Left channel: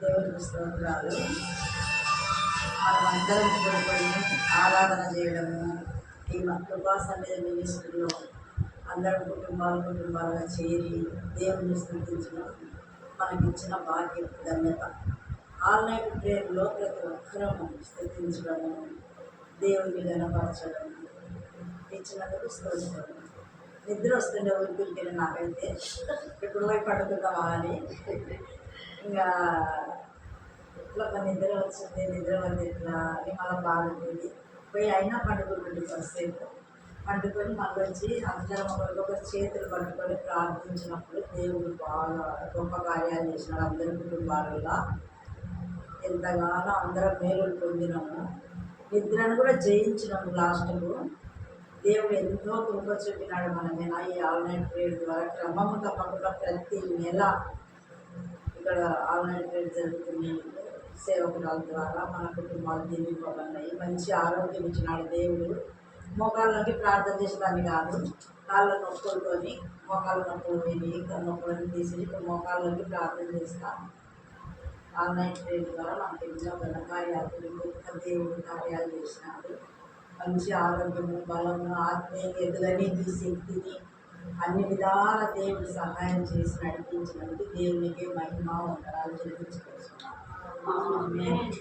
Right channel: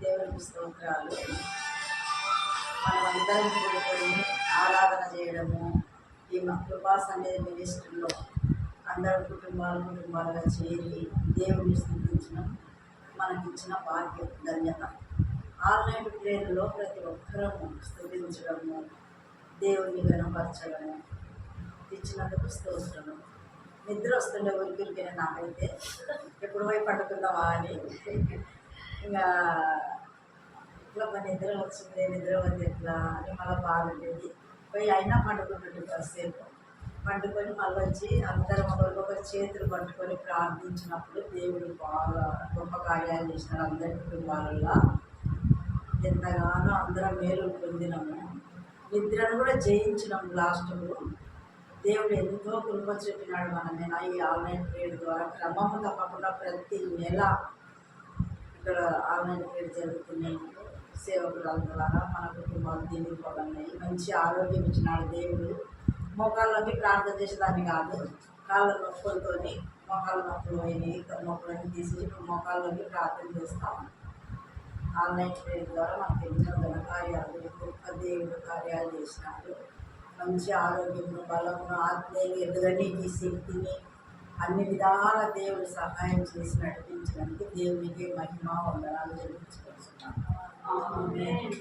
దేవునికి స్తోత్రాలు. మనమందరం కూడుకొని ఆరాధన చేయడము, ఈ కృపా సన్నిధి మినిస్ట్రీలో అందరం కుటుంబాలుగా చేరి దేవుని స్తుతించడం మనకిచ్చిన భాగ్యం, ధన్యత. ఆన్లైన్ ప్రేయర్లో ప్రతి ఒక్కరము స్తుతించడము, దేవుని గణపరచడము ఇచ్చినందుకు స్తోత్రము. నిద్ర వస్తుండే ఊరికి నాకైతే ఇప్పుడు పోయి పడుకుందామా అని, ఇంకా ఇట్లా నిద్ర వచ్చింది, నిద్ర వచ్చి ఎట్లా అని మళ్ళీ బాధ ఉండేది. పోయి అయినా పండుకుంటుండే కాసేపు. పండుకొని మళ్ళీ వచ్చి అందరం ఒకరికొకరు చేతులు పట్టుకొని ప్రార్థించినప్పుడు దేవుడు బాగా గొప్ప కార్యాలు చేసినాడు. అందరి కుటుంబాలలో ఎంతగానో అందరం మేలు పొందినాము. నిద్రను కూడా జయించినాము. లాస్ట్కు దేవుడు ఎంతో కృప చూపినాడు మన మీద. ఈ ఆన్లైన్ ప్రేయర్ ద్వారా క్రమము తప్పకుండా ప్రతి నెల ఇక్కడ ఆన్లైన్ ప్రేయర్ జరుగుతున్నాయి. సేవకురాల ద్వారా మన కుటుంబాలు దీనిపోతున్నాయి. మంచి ఆరోగ్యం ఇచ్చినాడు దేవుడు. మోకాళ్ళకి ప్రార్థన చేసేదాన్ని కాదు, కాళ్ళ నొప్పులతోని మోకాళ్ళ నొప్పులు పోయినాయి. నొప్పులన్నీ తీసి ఇప్పుడు మోకాళ్ళకి ప్రార్థన చేస్తాం. ఆన్లైన్ ప్రేయర్ ద్వారా మనకు ఎన్నో ఘనకార్యాలు, గొప్ప దేవుడు కార్యాలు చేసినాడు. మంచి ఆరోగ్యము, బలము, ఆత్మీయ ఎదుగనికి శక్తిని అన్ని విధాల దేవుడు సహాయం చేసి నడిపించినందుకు దేవునికి మహిమ వందనాలు చెల్లించుకొస్తున్నాను. ఆమేన్.